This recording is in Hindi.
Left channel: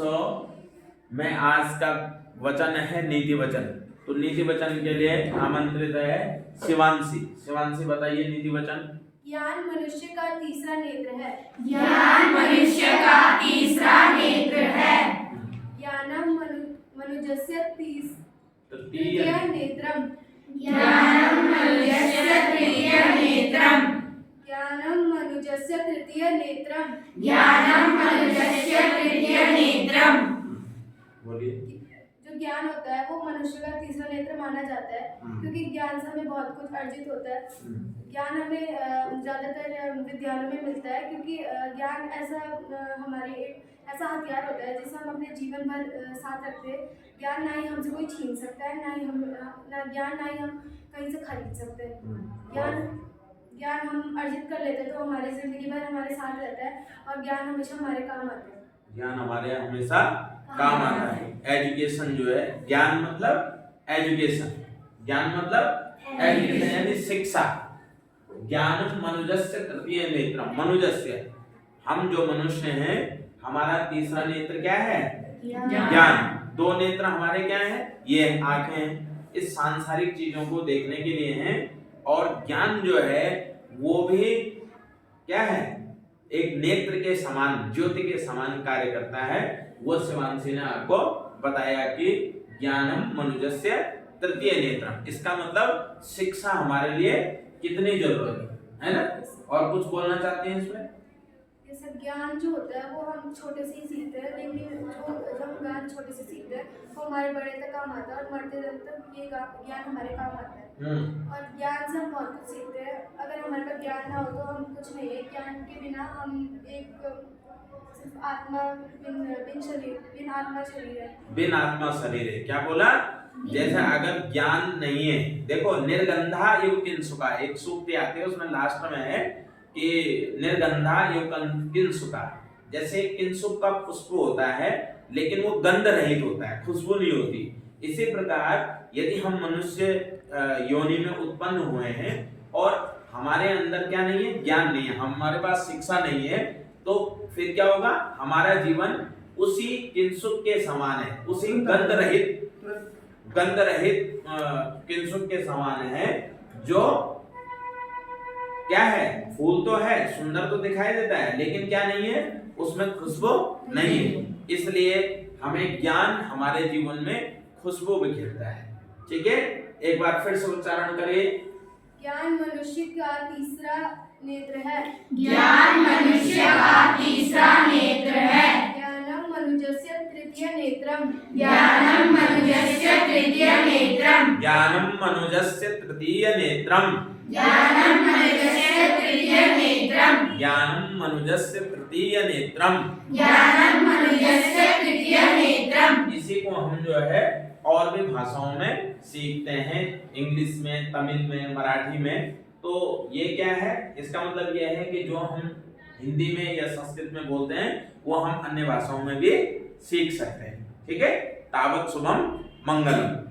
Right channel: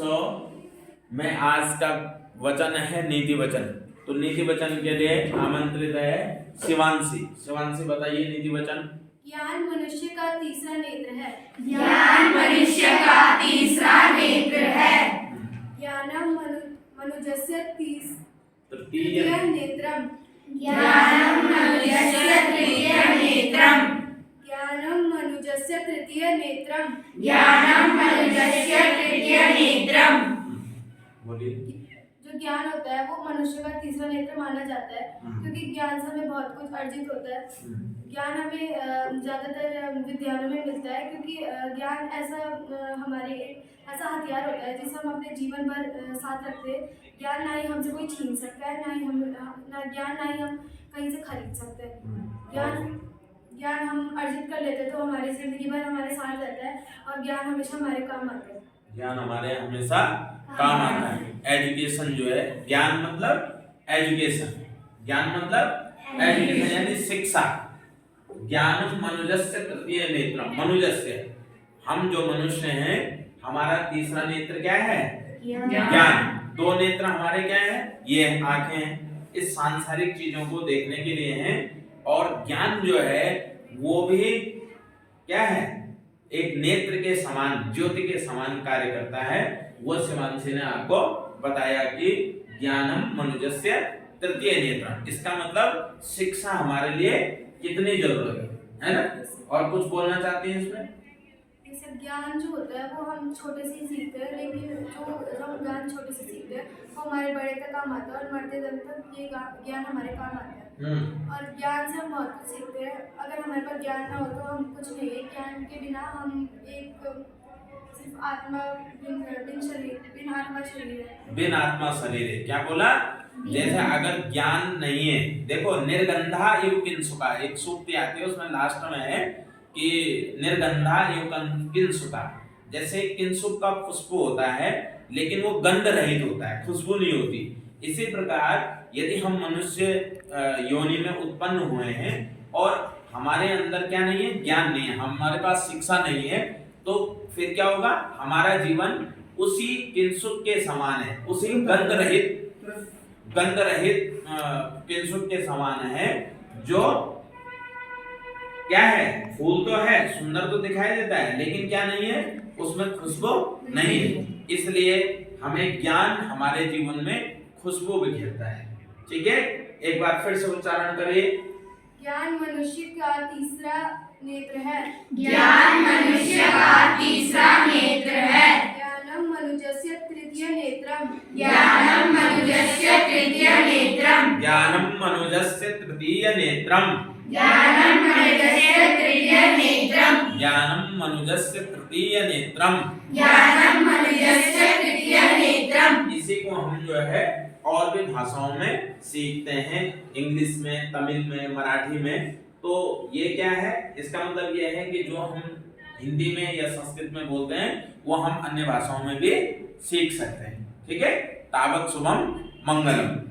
में आज का वचन है नीति वचन। तो नीति वचन के लिए आमंत्रित है शिवांशी। शिवांशी बताइए नीति वचन। ज्ञान मनुष्य का तीसरा नेत्र है। ज्ञान मनुष्य का तीसरा नेत्र है। ज्ञानम मनुजस्य तृतीय नेत्रम। ज्ञानम मनुजस्य तृतीय नेत्रम। ज्ञानम मनुजस्य तृतीय नेत्रम। ज्ञानम मनुजस्य तृतीय नेत्रम। बोलिए। जो ज्ञान होता है वो मनुष्य का तीसरा नेत्र माना जाता है, क्योंकि ज्ञान से हमें बहुत कुछ अर्जित होता है। ज्ञान हमें ज़्यादातर विद्यालयों में मिलता है, क्योंकि ज्ञान ऐसा हथियार होता है जिसे हम अपने जीवन भर साथ रखते हैं। ज्ञान ना ही हमसे कोई छीन सकता है, ना ही हम कहीं से खरीद सकते हैं। ज्ञान हम अर्जित कर लेते हैं तो हमारी जिंदगी भर हमारे साथ रहता है, और ज्ञान हमेशा हमारे काम आता है। ज्ञान हमारे हमेशा काम आता है। एजुकेशन जो है, ज्ञान मतलब एजुकेशन, ज्ञान मतलब एजुकेशन यानी शिक्षा। ज्ञान मनुजस्य तृतीय नेत्रम। मनुजस्य, हम जो मनुष्य हैं, हमारा तीसरा नेत्र क्या है? ज्ञान। दो नेत्र हमारे क्या है? ये आंखें हैं, इस सांसारिक चीजों को देखने के लिए हैं। और ज्ञान जो है वो भी क्या है? एक नेत्र के समान, ज्योति के समान कार्य करता है। वो शिवांशी ने आपको बताया कि ज्ञानम मनुजस्य तृतीय नेत्रम। इसका मतलब शिक्षा हमारे लिए कितनी जरूरत है ना? और कुछ बोलना चाहते हैं इसमें? ये सब ज्ञान जो होता है वो हम छोटे से ही सीखते हैं, लेकिन जो हम ज्ञान छोटे से सीखते हैं वो हमारे बड़े तक काम आता है, और मरते दम तक ये ज्ञान हमारे काम आता है। और ज्ञान से हम बहुत कुछ सीखते हैं। अगर हमारे पास ज्ञान ना हो तो हम कुछ नहीं है। ज्ञान के बिना हम एक सिर्फ आत्मा बिन आत्मा शरीर है। बिन आत्मा शरीर है। क्या बोला? जैसे अगर ज्ञान नहीं है, देखो निर्गंधा इव किंसुका, एक सूक्ति आती है उसमें लास्ट में है कि निर्गंधा इव किंसुका। जैसे किंसुक का खुशबू होता है लेकिन वो गंध रहित होता है, खुशबू नहीं होती। इसी प्रकार यदि हम मनुष्य योनि में उत्पन्न हुए हैं और हमारे अंदर क्या नहीं है? ज्ञान नहीं है, हमारे पास शिक्षा नहीं है, तो फिर क्या होगा? हमारा जीवन उसी किंसुक के समान है, उसी गंध रहित किंसुक के समान है, जो क्या है? फूल तो है, सुंदर तो दिखाई देता है, लेकिन क्या नहीं है? उसमें खुशबू नहीं है। इसलिए हमें ज्ञान हमारे जीवन में खुशबू बिखेरता है। ठीक है, एक बार फिर से उच्चारण करिए। ज्ञान मनुष्य का तीसरा नेत्र है। ज्ञान मनुष्य का तीसरा नेत्र है। ज्ञानम मनुजस्य तृतीय नेत्रम। ज्ञानम मनुजस्य तृतीय नेत्रम। ज्ञानम मनुजस्य तृतीय नेत्रम। ज्ञानम मनुजस्य तृतीय नेत्रम। ज्ञानम मनुजस्य तृतीय नेत्रम। ज्ञानम मनुजस्य तृतीय नेत्रम। इसी को हम जो है और भी भाषाओं में सीखते हैं, इंग्लिश में, तमिल में, मराठी में। तो ये क्या है? इसका मतलब ये है कि जो हम हिंदी में या संस्कृत में बोलते हैं वो हम अन्य भाषाओं में भी सीख सकते हैं। ठीक है, तावत शुभम मंगलम।